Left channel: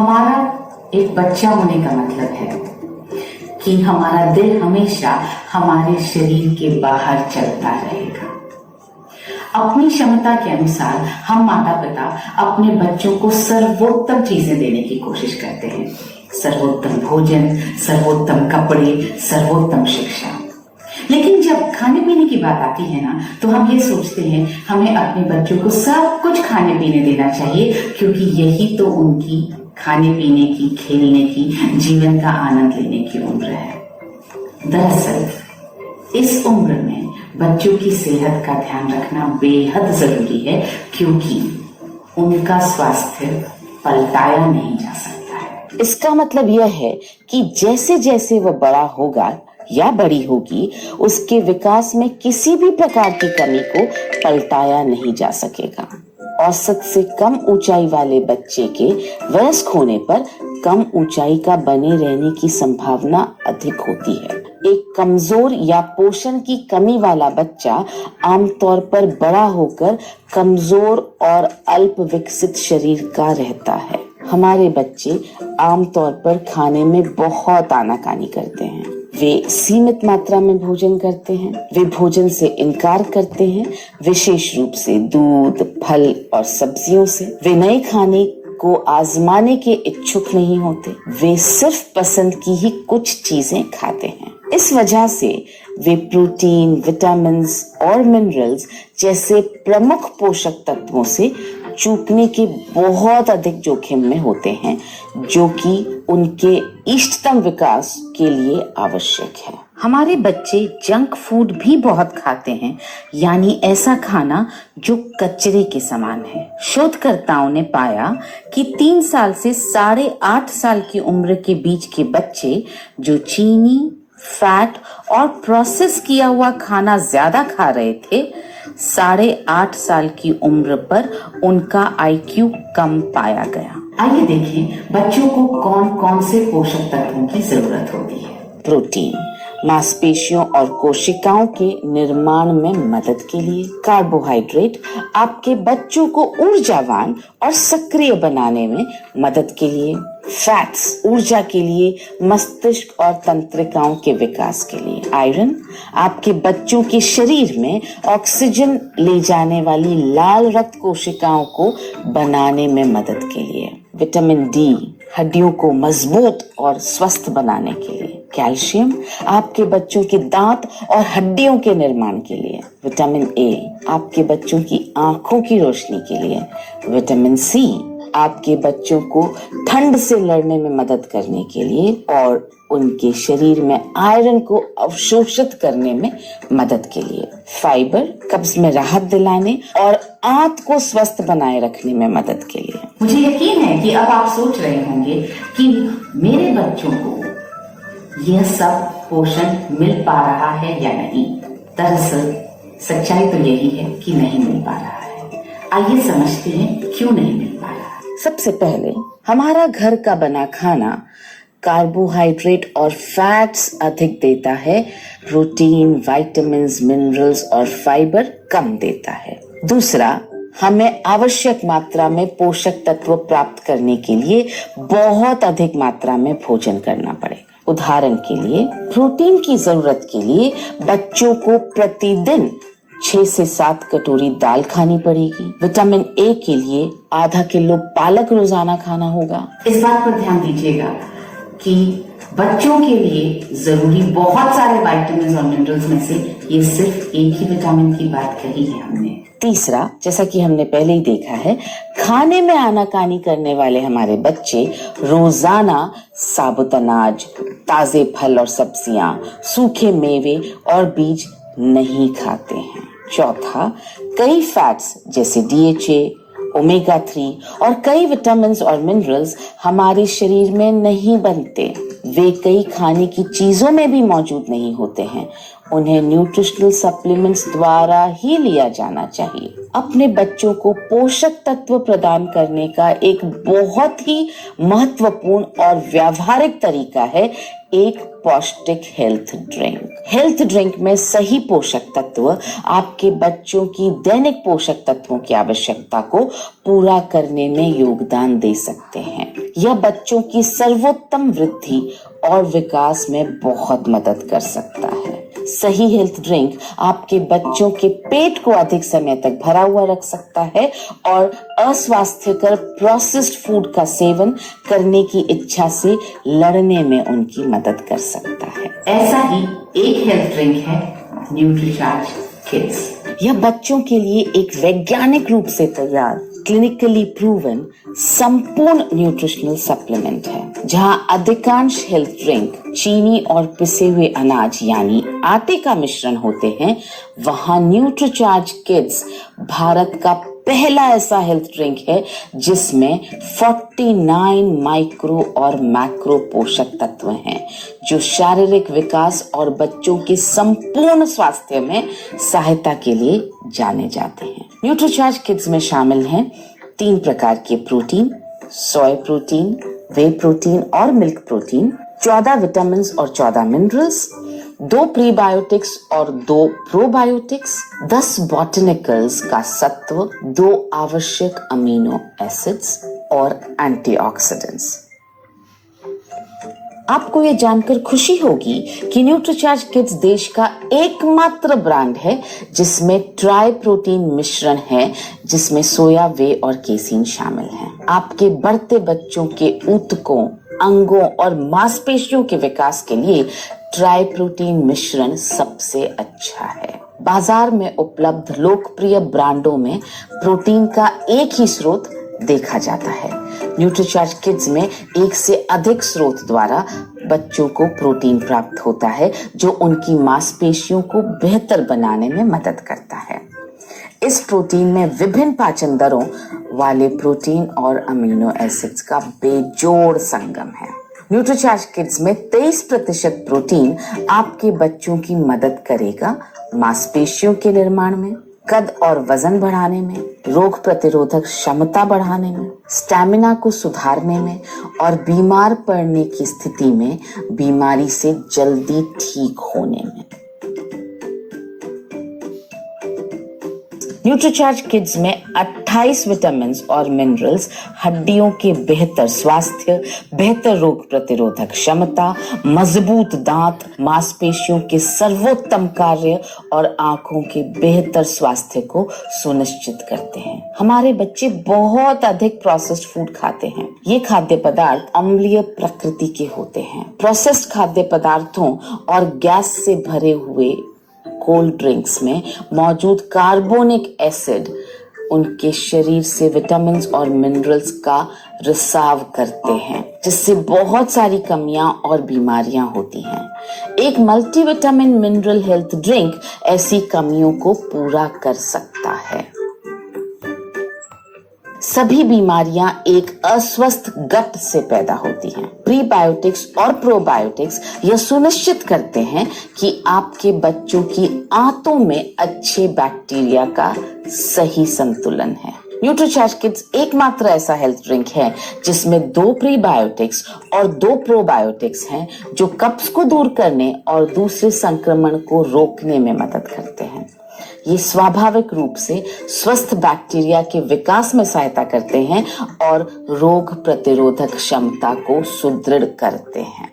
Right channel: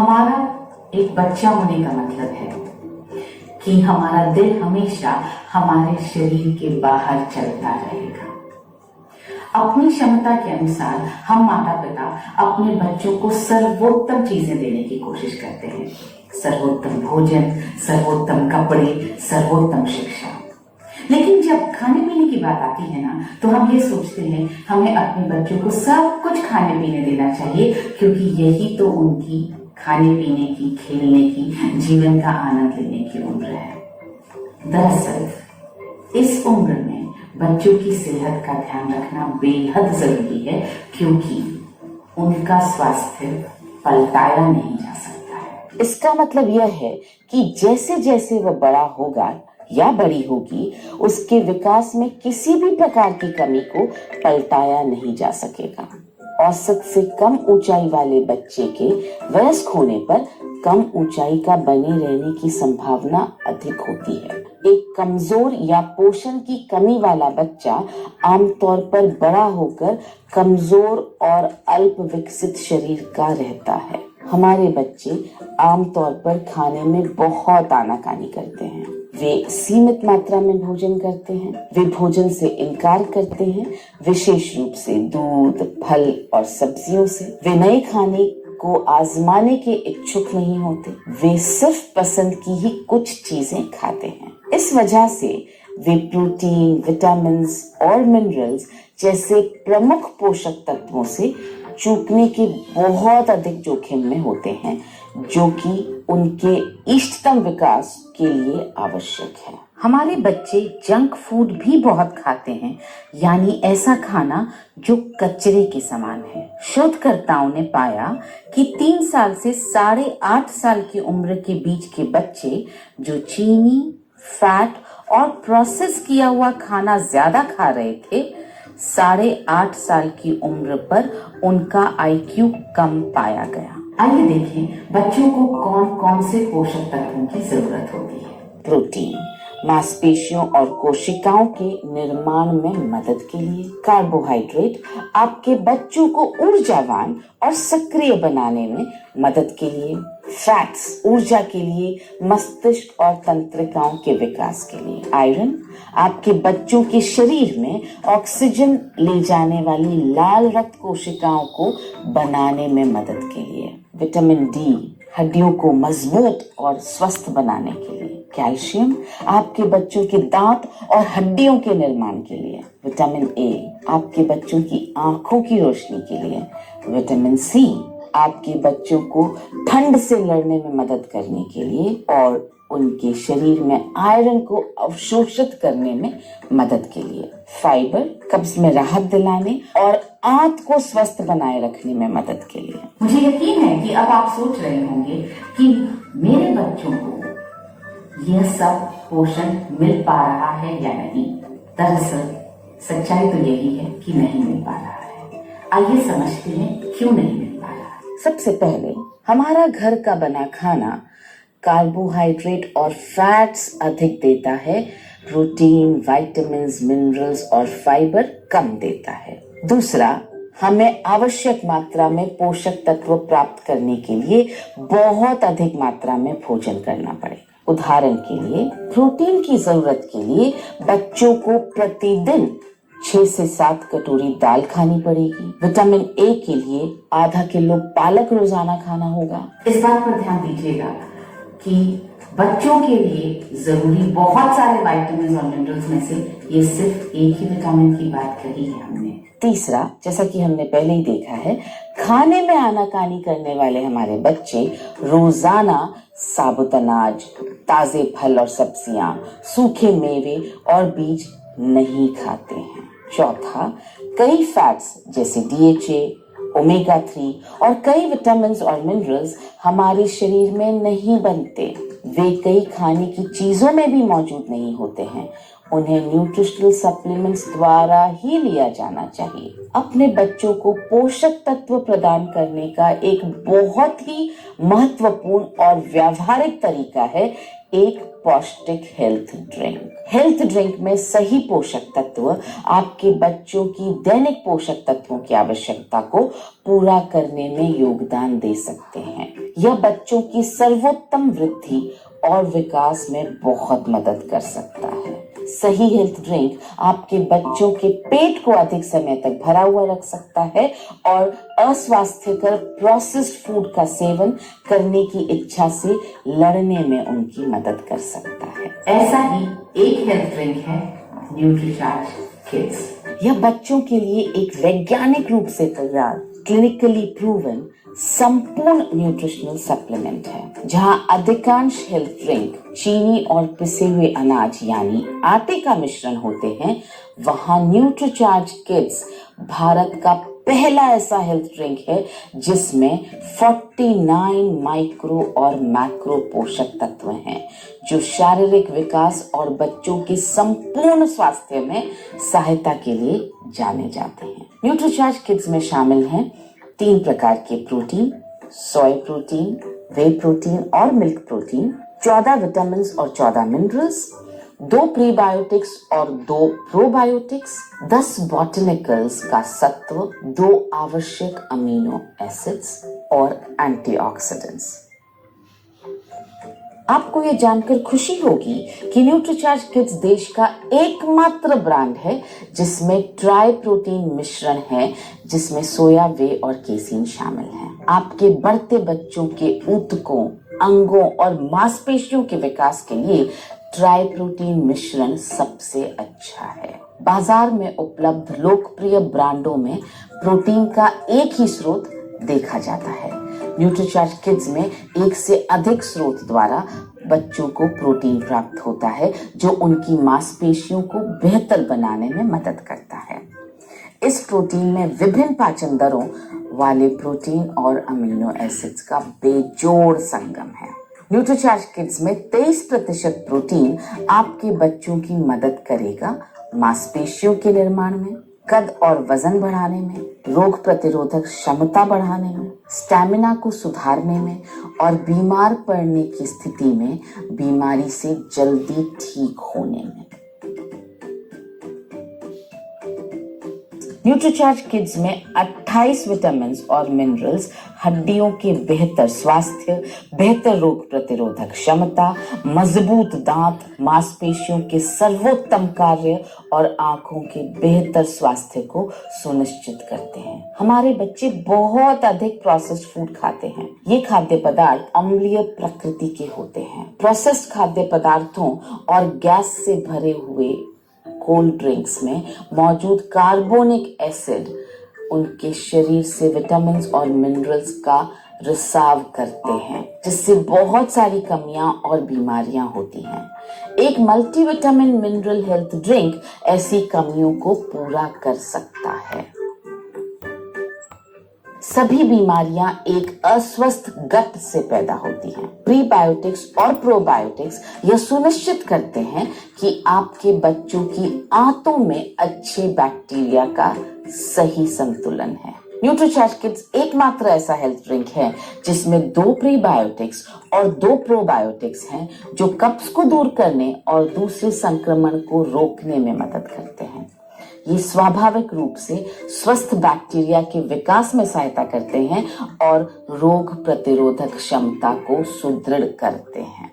हमारा एक बच्चा होने का मतलब है कि हमारा दिल हमेशा हमारे शरीर के बाहर चलता रहेगा। अपनी क्षमता के अनुसार हम माता पिता अपने बच्चों को सर्वोत्तम चीजें देने की कोशिश करते हैं। सर्वोत्तम भोजन, सर्वोत्तम कपड़े, सर्वोत्तम शिक्षा। लेकिन जब खाने पीने की बात आती है ना, तो हम ये सोचते हैं हमें अपने बच्चों को सब कुछ खाने पीने देना चाहिए, क्योंकि यही तो उनकी खाने पीने की, खेलने की, जीवन का आनंद लेने की उम्र है। दरअसल इस उम्र में बच्चों की सेहत का ध्यान रखना बेहद जरूरी है, क्योंकि उनका स्वास्थ्य पलटाया नहीं जा सकता है। इसका मतलब यह है कि जैसे जैसे वह बड़ा होगा या बड़ी होगी, उसके विकास में किसी भी प्रकार की कमी को पलटाया नहीं जा सकेगा। औसत से कम ऊंचाई वाले बच्चे के वयस्क होने पर कम ऊंचाई का बने रहने की संभावना अधिक होती है। एक कमजोर या पोषण की कमी वाला बच्चा आमतौर पर बड़ा होकर कमजोर और अल्प विकसित शरीर का रहता है। हमारे बच्चे आमतौर पर खाने में बहुत आनाकानी करते हैं। वे सीमित मात्रा में भोजन करते हैं। वे भोजन से इनकार करते हैं, विशेष रूप से दूध, फल और सब्जियों से। वे नए खाने को आजमाने के इच्छुक नहीं होते। वे सिर्फ पसंद की ही कुछ चीजें खाते हैं। इस वजह से वे प्रोटीन, विटामिन्स और मिनरल्स जैसे प्रमुख पोषक तत्वों से चूकने के बहुत अधिक जोखिम में होते हैं, जो कि उनके इष्टतम विकास के लिए आवश्यक है। हमारे बच्चे जंक फूड भी बहुत खाते हैं, यानी ऐसा खाना जो कचरे के समान है। शोधकर्ताओं ने पाया कि 3 साल से 8.5 साल की उम्र के बीच के बच्चे जो चीनी, फैट और प्रोसेस किया हुआ खाना ज्यादा खा रहे थे, 8.5 साल की उम्र पर उनका IQ कम पाया गया। आइए देखें बच्चों को कौन कौन से पोषक तत्वों की जरूरत होती है। प्रोटीन मांसपेशियों और कोशिकाओं के निर्माण में मदद के लिए। कार्बोहाइड्रेट आपके बच्चों को ऊर्जावान और सक्रिय बनाने में मदद के लिए। फैट्स ऊर्जा के लिए, मस्तिष्क और तंत्रिकाओं के विकास के लिए। आयरन आपके बच्चों के शरीर में ऑक्सीजन ले जाने वाली लाल रक्त कोशिकाओं को बनाने में मदद के लिए। विटामिन डी हड्डियों को मजबूत और स्वस्थ बनाने के लिए। कैल्शियम आपके बच्चों के दांत और हड्डियों के निर्माण के लिए। विटामिन ए आपके बच्चों की आंखों की रोशनी के लिए। विटामिन सी आपके बच्चों को ठंड से लड़ने में मदद करने के लिए और उनके शरीर में आयरन को अवशोषित करने में मदद के लिए। फाइबर कब्ज में राहत दिलाने और आंत को स्वस्थ बनाए रखने में मदद के लिए। मुझे यकीन है कि अब आप सोच रहे होंगे कि मेरे बच्चों को यह सब पोषण मिल पा रहा है या नहीं। दरअसल सच्चाई तो यही है कि नहीं मिल पा रहा है। आइए समझते हैं क्यों नहीं मिल पा रहा है। सबसे पहले हमारा घर का बना खाना कार्बोहाइड्रेट और फैट्स अधिक देता है, प्रोटीन, विटामिन्स, मिनरल्स और फाइबर कम देता है। दूसरा, हमें आवश्यक मात्रा में पोषक तत्व प्राप्त करने के लिए बहुत अधिक मात्रा में भोजन करना पड़ेगा। उदाहरण के लिए, प्रोटीन की जरूरत के लिए बच्चों को प्रतिदिन 6 से 7 कटोरी दाल खानी पड़ेगी। विटामिन ए के लिए आधा किलो पालक रोजाना खाना होगा। इस बात पर ध्यान दीजिएगा कि बच्चों के लिए जरूरी बहुत सारे विटामिन और मिनरल्स में से ये सिर्फ एक ही विटामिन की बात कही है हमने। तीसरा, जैसा कि हमने पहले ही देखा है, खाने में आनाकानी करने वाले हमारे बच्चे रोजाना साबुत अनाज, ताजे फल और सब्जियां, सूखे मेवे और बीज नहीं खाते हैं। चौथा, कई फैट्स जैसे DHA, ओमेगा 3 और कई विटामिन्स और मिनरल्स हमारे शरीर में नहीं बनते। वे कई खाने की चीजों में भी मौजूद नहीं होते हैं। उन्हें न्यूट्रिशनल सप्लीमेंट्स द्वारा ही लिया जाना चाहिए। अपने बच्चों को पोषक तत्व प्रदान करने का एक बहुत ही महत्वपूर्ण और व्यावहारिक तरीका है एक पौष्टिक हेल्थ ड्रिंक में सही पोषक तत्व आपके बच्चों की दैनिक पोषक तत्वों की आवश्यकता को पूरा करने में योगदान दे सकते हैं। यह बच्चों की सर्वोत्तम वृद्धि और विकास में बहुत मदद कर सकता है। सही हेल्थ ड्रिंक आपके बच्चों के पेट को अधिक समय तक भरा हुआ रख सकता है और अस्वास्थ्यकर प्रोसेस्ड फूड का सेवन करने की इच्छा से लड़ने में उनकी मदद कर सकता है। ऐसा ही एक हेल्थ ड्रिंक है न्यूट्रीचार्ज किड्स। यह बच्चों के लिए एक वैज्ञानिक रूप से तैयार, क्लिनिकली प्रूवन संपूर्ण न्यूट्रिशनल सप्लीमेंट है। जहां अधिकांश हेल्थ ड्रिंक चीनी और पिसे हुए अनाज यानी आटे का मिश्रण होते हैं, वहां न्यूट्रीचार्ज किड्स भारत का पहला ऐसा हेल्थ ड्रिंक है जिसमें 49 माइक्रो और मैक्रो पोषक तत्व हैं, जो शारीरिक विकास और बच्चों के संपूर्ण स्वास्थ्य में सहायता के लिए जाने जाते हैं। न्यूट्रीचार्ज किड्स में शामिल हैं 3 प्रकार के प्रोटीन, सोया प्रोटीन, वे प्रोटीन और मिल्क प्रोटीन, 14 विटामिन और 14 मिनरल्स, 2 प्रीबायोटिक्स और 2 प्रोबायोटिक्स, 10 बॉटनिकल्स का सत्व, 2 आवश्यक अमीनो एसिड्स और एंटीऑक्सीडेंट्स। आपको ये जानकर खुशी होगी कि न्यूट्रीचार्ज किड्स देश का एकमात्र ब्रांड है जिसमें ट्राई प्रोटीन मिश्रण है, जिसमें सोया, वे और केसीन शामिल हैं। आपके बढ़ते बच्चों के ऊतकों, अंगों और मांसपेशियों के विकास के लिए ट्राई प्रोटीन मिश्रण सबसे अच्छा है। बाजार में उपलब्ध लोकप्रिय ब्रांडों में प्रोटीन का एक ही स्रोत देखा जाता है। न्यूट्रीचार्ज किड्स में एक से अधिक स्रोत द्वारा बच्चों को प्रोटीन प्राप्त होता है, जो उनकी मांसपेशियों को बेहतर बनाने में मदद करता है। इस प्रोटीन में विभिन्न पाचन दरों वाले प्रोटीन और अमीनो एसिड्स का बेजोड़ संगम है। न्यूट्रीचार्ज किड्स में 23% प्रोटीन आपके बच्चों की मदद करेगा मांसपेशियों के निर्माण में, कद और वजन बढ़ाने में, रोग प्रतिरोधक क्षमता बढ़ाने में, स्टैमिना को सुधारने में और बीमार पड़ने की स्थिति में बीमारी से जल्दी ठीक होने में। न्यूट्रीचार्ज किड्स में 28 विटामिन और मिनरल्स हड्डियों के बेहतर स्वास्थ्य, बेहतर रोग प्रतिरोधक क्षमता, मजबूत दांत, मांसपेशियों के सर्वोत्तम कार्य और आंखों के बेहतर स्वास्थ्य को सुनिश्चित करते हैं। हमारे बच्चे बहुत अधिक प्रोसेस्ड फूड खाते हैं। ये खाद्य पदार्थ अम्लीय प्रकृति के होते हैं। प्रोसेस्ड खाद्य पदार्थों और गैस से भरे हुए कोल्ड ड्रिंक्स में मौजूद कार्बोनिक एसिड उनके शरीर से विटामिन और मिनरल्स का रिसाव करते हैं, जिससे बहुत सारी कमियां और बीमारियां होती हैं। एक मल्टीविटामिन मिनरल हेल्थ ड्रिंक ऐसी कमियों को पूरा कर सकता है। सभी बीमारियां एक अस्वस्थ गट से पैदा होती हैं। प्रीबायोटिक्स और प्रोबायोटिक्स यह सुनिश्चित करते हैं कि आपके बच्चों की आंतों में अच्छे बैक्टीरिया का सही संतुलन है। न्यूट्रीचार्ज किड्स एकमात्र ऐसा हेल्थ ड्रिंक है जिसमें 2 प्रीबायोटिक्स और 2 प्रोबायोटिक्स हैं, जो कब्ज को दूर करने और दूसरे संक्रमण को रोकने में मदद करते हैं। ये स्वाभाविक रूप से स्वस्थ बैक्टीरिया के विकास में सहायता करते हैं और रोग प्रतिरोधक क्षमता को सुदृढ़ करते हैं।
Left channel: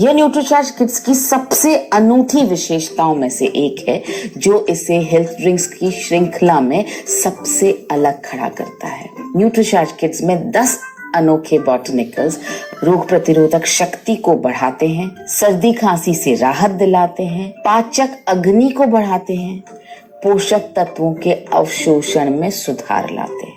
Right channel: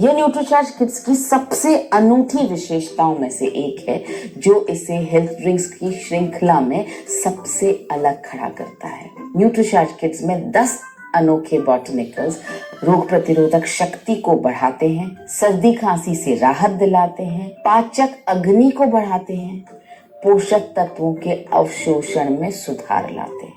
यह न्यूट्रीचार्ज किड्स की सबसे अनूठी विशेषताओं में से एक है, जो इसे हेल्थ ड्रिंक्स की श्रृंखला में सबसे अलग खड़ा करता है। न्यूट्रीचार्ज किड्स में 10 अनोखे बॉटनिकल्स रोग प्रतिरोधक शक्ति को बढ़ाते हैं, सर्दी खांसी से राहत दिलाते हैं, पाचक अग्नि को बढ़ाते हैं, पोषक तत्वों के अवशोषण में सुधार लाते हैं।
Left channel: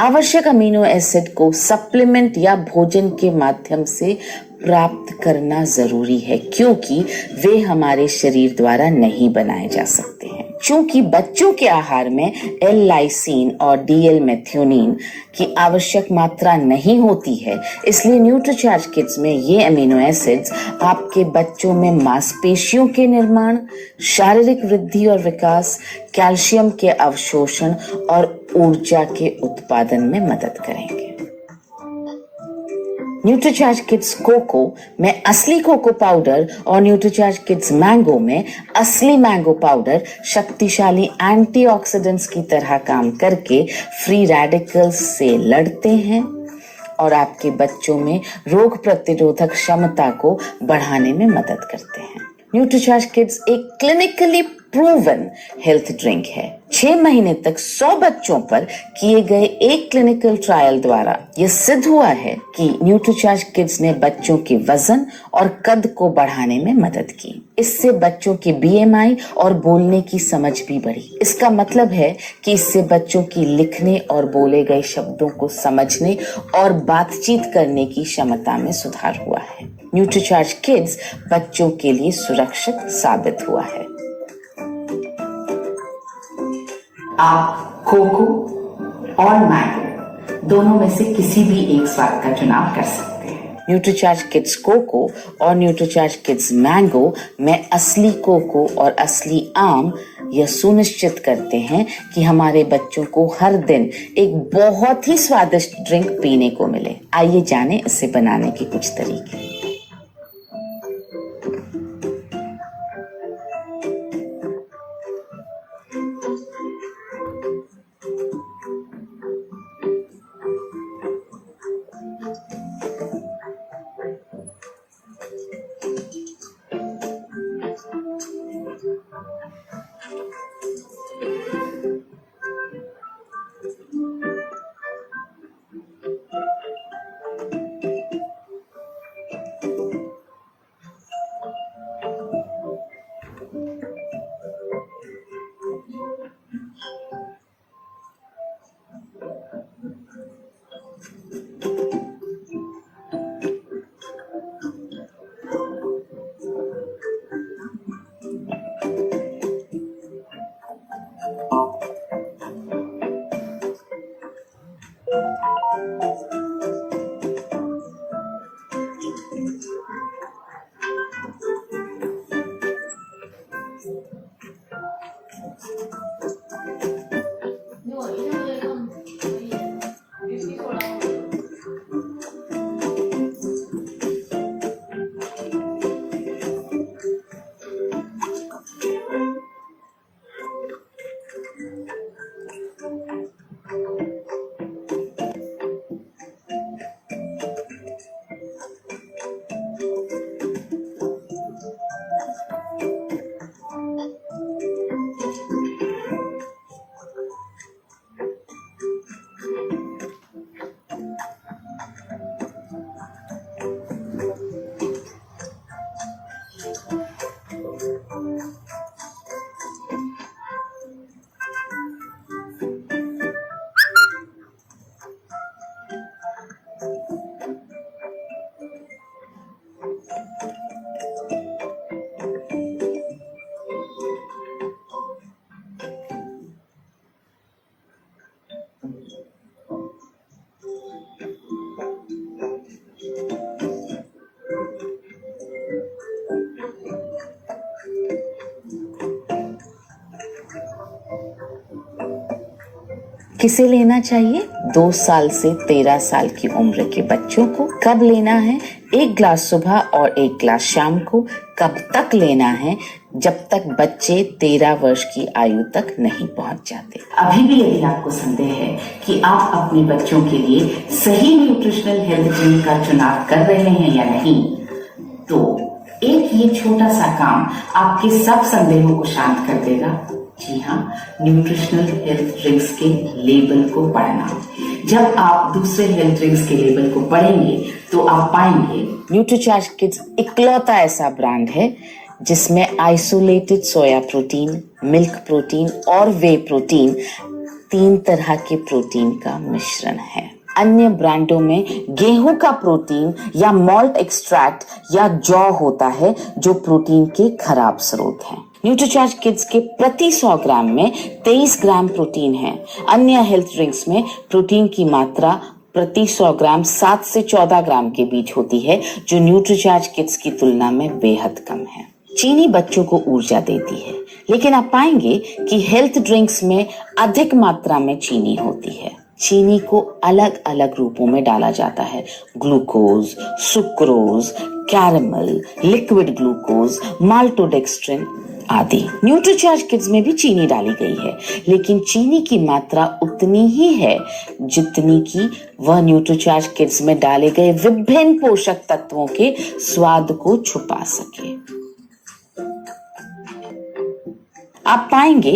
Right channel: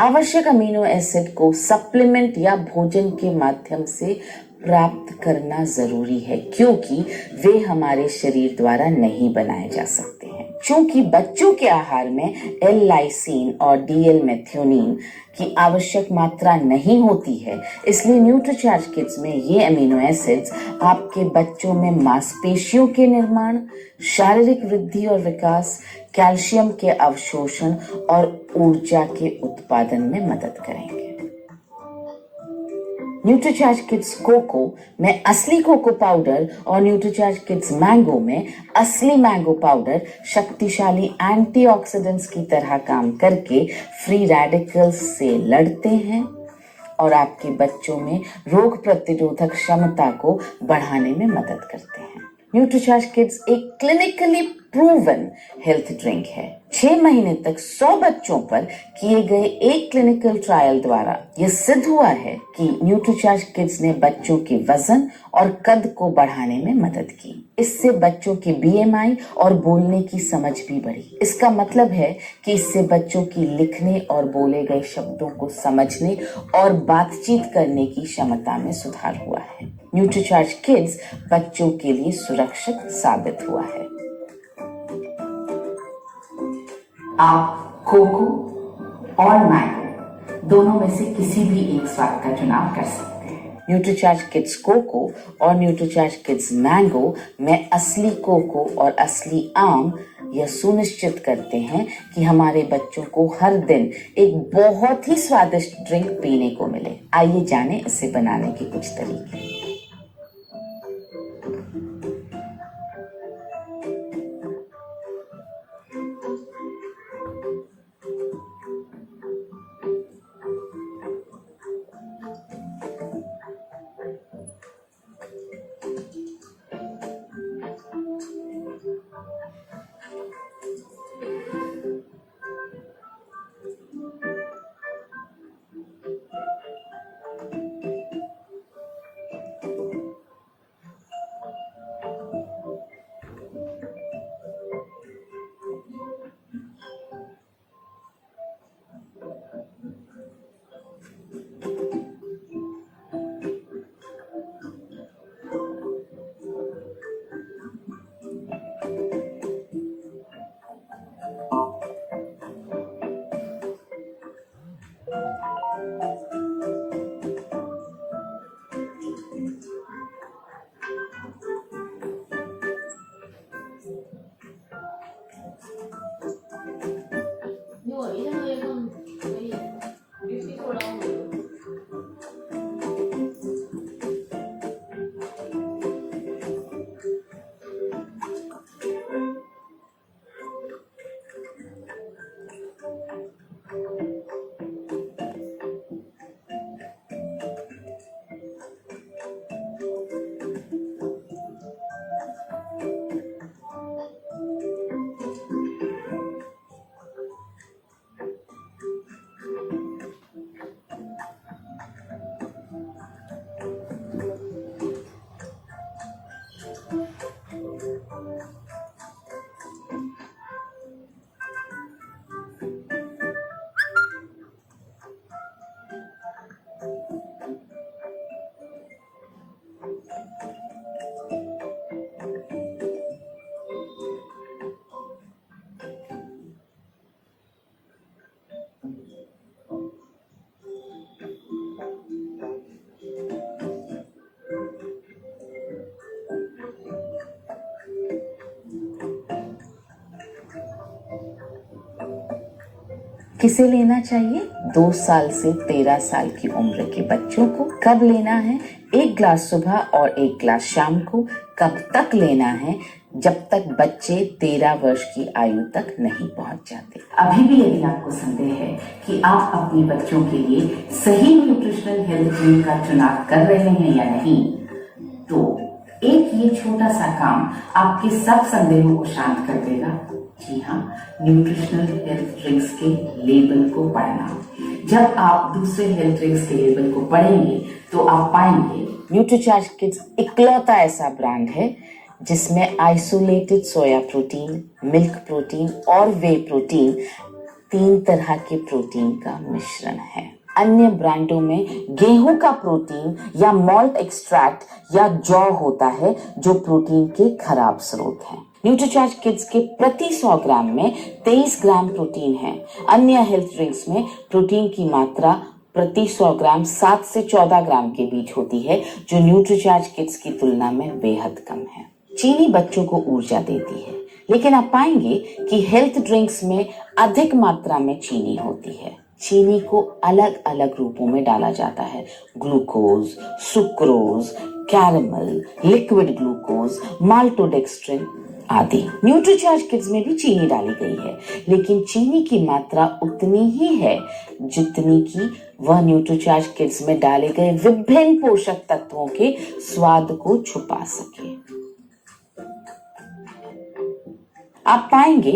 आवश्यक अमीनो एसिड को सप्लीमेंट या भोजन के माध्यम से प्राप्त करना जरूरी है, क्योंकि वे हमारे शरीर द्वारा नहीं बनाए जा सकते हैं। चूंकि बच्चों के आहार में एल लाइसीन और डीएल मेथियोनिन की आवश्यक मात्रा नहीं होती है, इसलिए न्यूट्रीचार्ज किड्स में ये अमीनो एसिड्स आपके बच्चों में मांसपेशियों के निर्माण, शारीरिक वृद्धि और विकास, कैल्शियम के अवशोषण और ऊर्जा के उत्पादन में मदद करेंगे। न्यूट्रीचार्ज किड्स कोको में असली कोको पाउडर और न्यूट्रीचार्ज किड्स मैंगो में असली मैंगो पाउडर शक्तिशाली एंटीऑक्सीडेंट्स की तरह काम करके फ्री रेडिकल्स से लड़ते हैं और आपके बच्चों में रोग प्रतिरोधक क्षमता को बढ़ाने में मदद करते हैं। न्यूट्रीचार्ज किड्स एक क्लिनिकली प्रूवन हेल्थ ड्रिंक है। 6 महीने तक 100 बच्चों पर किए गए एक क्लिनिकल ट्रायल द्वारा यह सिद्ध हुआ है कि न्यूट्रीचार्ज किड्स ने बच्चों के वजन और कद को बढ़ाने में मदद की। इससे बच्चों के बीएमआई और बोलने की समझ भी बढ़ी। इसका मतलब है कि इससे बच्चों की लिखने और बोले गए शब्दों को समझने और बातचीत करने की क्षमता में सुधार हुआ है। न्यूट्रीचार्ज किड्स बच्चों के लिए सुरक्षित साबित हुआ है। आप कोको और मैंगो दोनों में से किसी भी एक स्वाद का चुनाव कर सकते हैं। न्यूट्रीचार्ज किड्स कोको और न्यूट्रीचार्ज किड्स मैंगो में असली कोको और असली आम यह सुनिश्चित करते हैं कि हमारे बच्चों को हर दिन एक बहुत ही स्वादिष्ट ड्रिंक पीने को मिले। आइए जानें इसे बनाने के कुछ तरीके। किसे लेना चाहिए? 2 साल से 13 साल की उम्र के बच्चों को। कब लेना है? 1 ग्लास सुबह और 1 ग्लास शाम को। कब तक लेना है? जब तक बच्चे 13 वर्ष की आयु तक नहीं पहुंच जाते। अभी भी यदि आपको संदेह है कि आप अपने बच्चों के लिए सही न्यूट्रिशनल हेल्थ ड्रिंक का चुनाव कर रहे हैं या नहीं, तो एक ये छोटा सा काम आपके सब संदेहों को शांत कर देगा। जी हाँ, न्यूट्रिशनल हेल्थ ड्रिंक्स के लेबल को पढ़ना। जब आप दूसरे हेल्थ ड्रिंक्स के लेबल को पढ़ेंगे तो आप पाएंगे न्यूट्रीचार्ज किड्स इकलौता ऐसा ब्रांड है जिसमें isolated soya protein, milk protein और वे प्रोटीन 3 तरह के प्रोटीन का मिश्रण है। अन्य ब्रांडों में गेहूं का प्रोटीन या मॉल्ट एक्सट्रैक्ट या जौ होता है जो प्रोटीन के खराब स्रोत हैं। न्यूट्रीचार्ज किड्स के प्रति 100 ग्राम में 23 ग्राम प्रोटीन है। अन्य हेल्थ ड्रिंक्स में प्रोटीन की मात्रा प्रति 100 ग्राम 7 से 14 ग्राम के बीच होती है, जो न्यूट्रीचार्ज किड्स की तुलना में बेहद कम है। चीनी बच्चों को ऊर्जा देती है, लेकिन आप पाएंगे कि हेल्थ ड्रिंक्स में अधिक मात्रा में चीनी होती है। चीनी को अलग अलग रूपों में डाला जाता है, glucose, sucrose, caramel, liquid glucose, maltodextrin आदि। न्यूट्रीचार्ज किड्स में भी चीनी डाली गई है, लेकिन चीनी की मात्रा उतनी ही है जितनी कि वह न्यूट्रीचार्ज किड्स में डाले गए विभिन्न पोषक तत्वों के स्वाद को छुपा सके। आप पाएंगे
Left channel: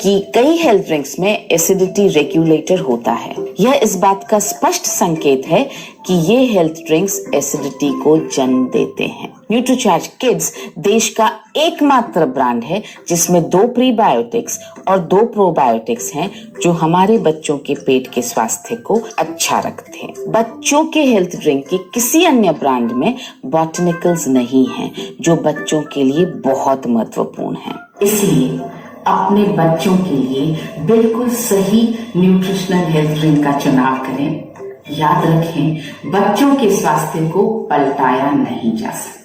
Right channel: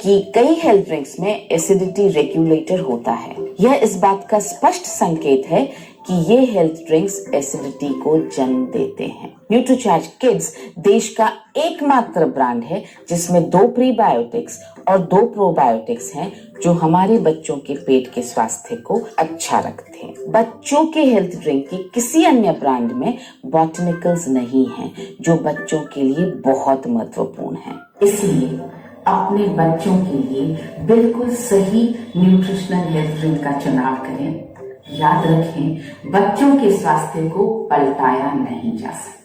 कि कई हेल्थ ड्रिंक्स में एसिडिटी रेगुलेटर होता है। यह इस बात का स्पष्ट संकेत है कि ये हेल्थ ड्रिंक्स एसिडिटी को जन्म देते हैं। न्यूट्रीचार्ज किड्स देश का एकमात्र ब्रांड है जिसमें 2 प्रीबायोटिक्स और 2 प्रोबायोटिक्स हैं जो हमारे बच्चों के पेट के स्वास्थ्य को अच्छा रखते हैं। बच्चों के हेल्थ ड्रिंक की किसी अन्य ब्रांड में बॉटनिकल्स नहीं हैं जो बच्चों के लिए बहुत महत्वपूर्ण हैं। इसलिए अपने बच्चों के लिए बिल्कुल सही न्यूट्रिशनल हेल्थ ड्रिंक का चुनाव करें। याद रखें, बच्चों के स्वास्थ्य को पलटाया नहीं जा सकता।